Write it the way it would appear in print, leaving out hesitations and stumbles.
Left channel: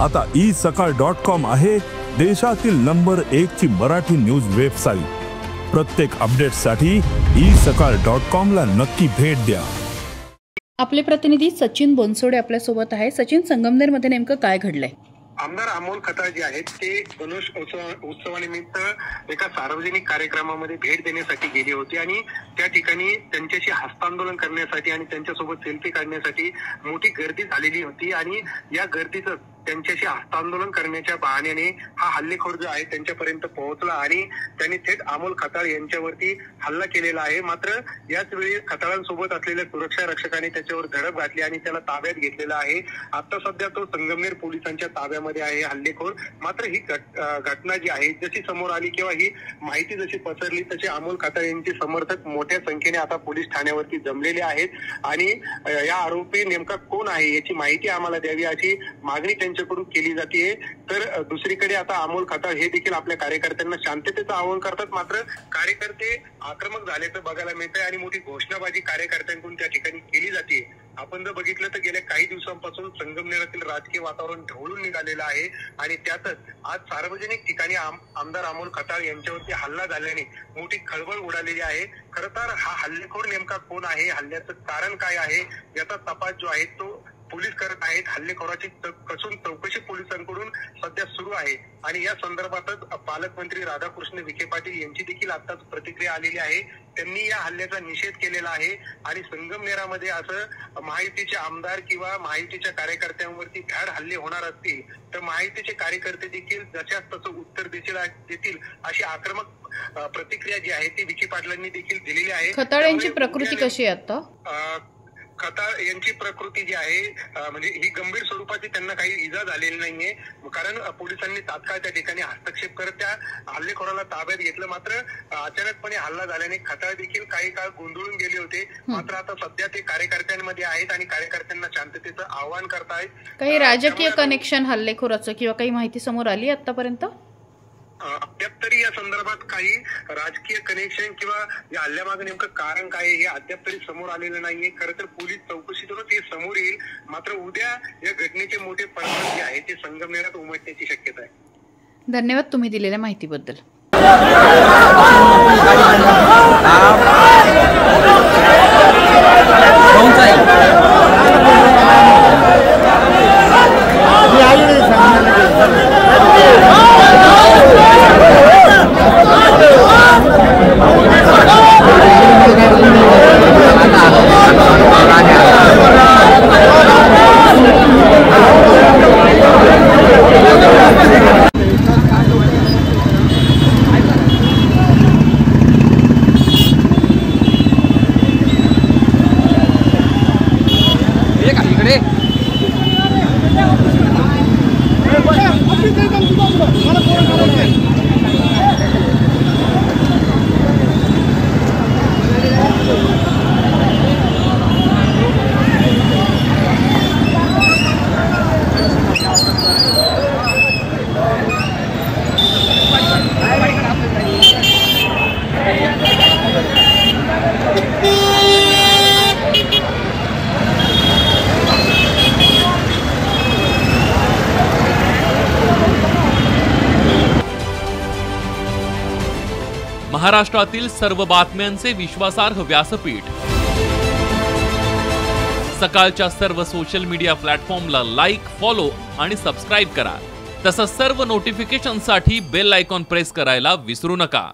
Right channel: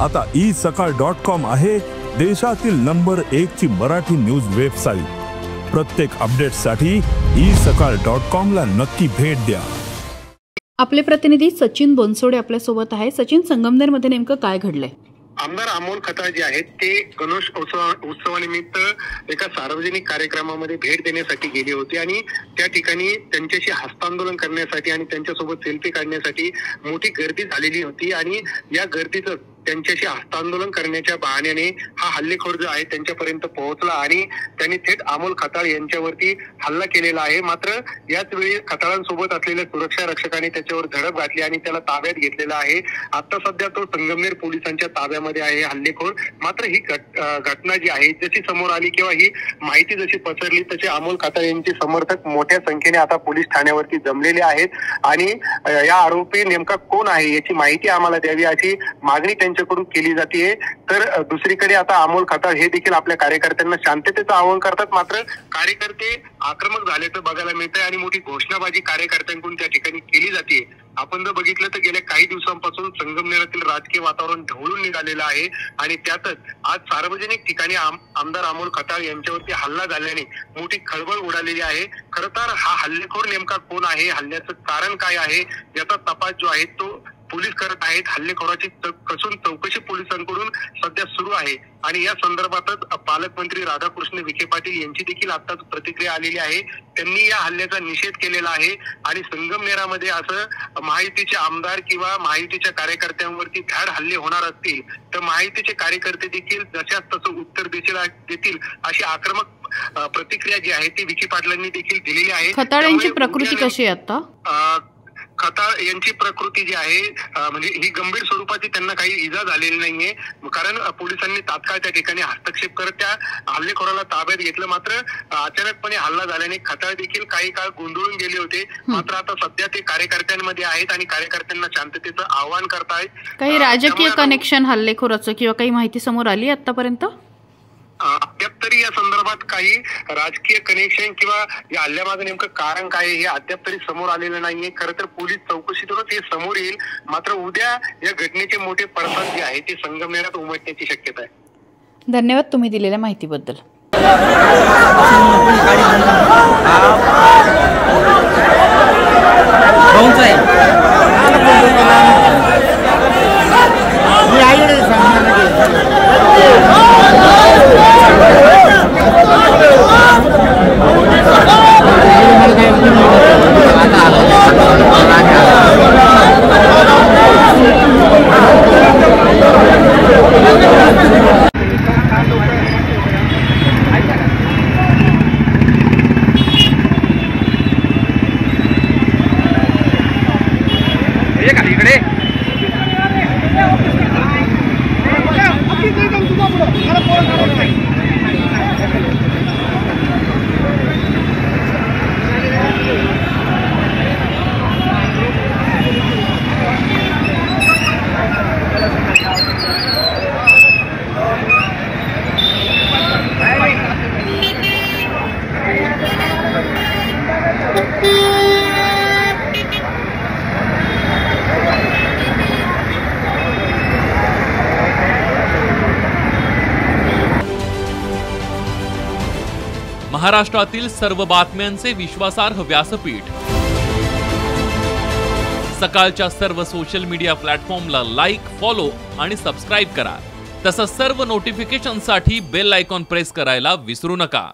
आता isakal.com आहे देशातील नंबर 1 ची मराठी न्यूज वेबसाईट। प्रत्येक अपडेटसाठी isakal.com ला नक्की भेट द्या। आपले प्रतिनिधी सचिन बोनसोडे आपल्या सोबत आहे। सचिन, संगमनेर मध्ये नेमकं काय घडलंय? आमदार अमोल खताळ जे आहेत ते गणेश उत्सवानिमित्त एका सार्वजनिक कार्यक्रमामध्ये भेट देण्यासाठी गेले होते आणि त्या ठिकाणी त्यांच्याशी हस्तांदोलन करण्यासाठी आणि त्यांच्यासोबत सेल्फी काढण्यासाठी मोठी गर्दी झालेली होती आणि या गर्दीचं त्यांच्याशी हस्तांदोलन करण्याच्या बहाण्याने हा हल्लेखोर जो आहे त्यांच्यापर्यंत पोहोचला आणि त्यांनी थेट अमोल खताळ यांच्यावरती हल्ला केलेला आहे। मात्र याच वेळी खताळांसोबत असलेल्या सुरक्षा रक्षकांनी त्याच्यावर झडप घातली आणि त्याला ताब्यात घेतलेला आहे। आता सध्या तो संगमनेर पोलिसांच्या ताब्यामध्ये आहे हल्लेखोर। मात्र ही घटना जी आहे जशी समोर आली किंवा ही माहिती जशी पसरली तसे अमोल खताळ यांचे समर्थक मोठ्या संख्येने आता पोलीस ठाण्यावरती जमलेले आहेत आणि या आरोपी नेमका कोण आहे याची माहिती आम्हाला द्यावी अशी मागणी त्यांच्याकडून केली जाते। तर दुसरीकडे आता अमोल खताळ हे देखील आपल्या कार्यकर्त्यांना शांततेचं आवाहन करतात। मात्र कार्यकर्ते आक्रमक झाल्याचं बघायला मिळतंय आणि मोठी घोषणाबाजी कार्यकर्त्यांकडून त्या ठिकाणी केली जाते। आपण जर बघितलं तर गेल्या काही दिवसांपासून संगमनेरातील राजकीय वातावरण ढवळून निघालेलं आहे आणि त्यातच आज सार्वजनिक ठिकाणी आमदार अमोल खताळ यांच्यावरती हल्ला झाल्याने मोठी खळबळ उडालेली आहे। खरं तर हा हल्लेखोर नेमका कोण आहे, हल्ल्याचं कारण काय आहे याचा तपास जो आहे तो पोलीस करत आहेत। हल्लेखोराची कसून चौकशी पोलिसांकडून सध्या सुरू आहे आणि या संदर्भातच पालकमंत्री राधाकृष्ण विखे पाटील यांची देखील आताच प्रतिक्रिया आलेली आहे। त्यांनी या हल्ल्याचा निषेध केलेला आहे आणि संगमनेरामध्ये असं महायुतीचे आमदार किंवा महायुतीच्या कार्यकर्त्यांवरती भ्याड हल्ले होणार असतील तर महायुतीचे कार्यकर्ते देखील जशाच तसं उत्तर देतील अशी आक्रमक प्रतिक्रिया जी आहे ती विखे पाटलांनी देखील दिलेली आहे। खताळ यांची प्रकृती कशी आहे आता? खताळ यांची प्रकृती जी आहे म्हणजे ही गंभीर स्वरूपाची त्यांना काही इजा झालेली नाहीये, कारण पोलिसांनी तात्काळ त्या ठिकाणी हस्तक्षेप करत त्या हल्लेखोराला ताब्यात घेतलं। मात्र अचानकपणे हल्ला झाल्याने खताळ देखील काही काळ गोंधळून गेले होते। मात्र आता सध्या ते कार्यकर्त्यांमध्ये आहेत आणि कार्यकर्त्यांना शांततेचं आवाहन करतायत। काही राजकीय कनेक्शन हल्लेखोराचं किंवा काही माहिती समोर आली आतापर्यंत? अद्याप तरी या संदर्भात काही राजकीय कनेक्शन किंवा या हल्ल्यामागे नेमकं कारण काय हे अद्याप तरी समोर आलेलं नाहीये। खरं तर पोलीस चौकशीतूनच हे समोर येईल। मात्र उद्या या घटनेचे मोठे पडसाद जे आहे ते संगमनेरात उमटण्याची शक्यता आहे। धन्यवाद तुम्ही दिलेल्या माहितीबद्दल। महाराष्ट्रातील सर्व बातम्यांचे विश्वासार्ह व्यासपीठ सकाळच्या सर्व सोशल मीडिया प्लॅटफॉर्मला लाईक, फॉलो आणि सबस्क्राईब करा। तसंच सर्व नोटिफिकेशनसाठी बेल आयकॉन प्रेस करायला विसरू नका।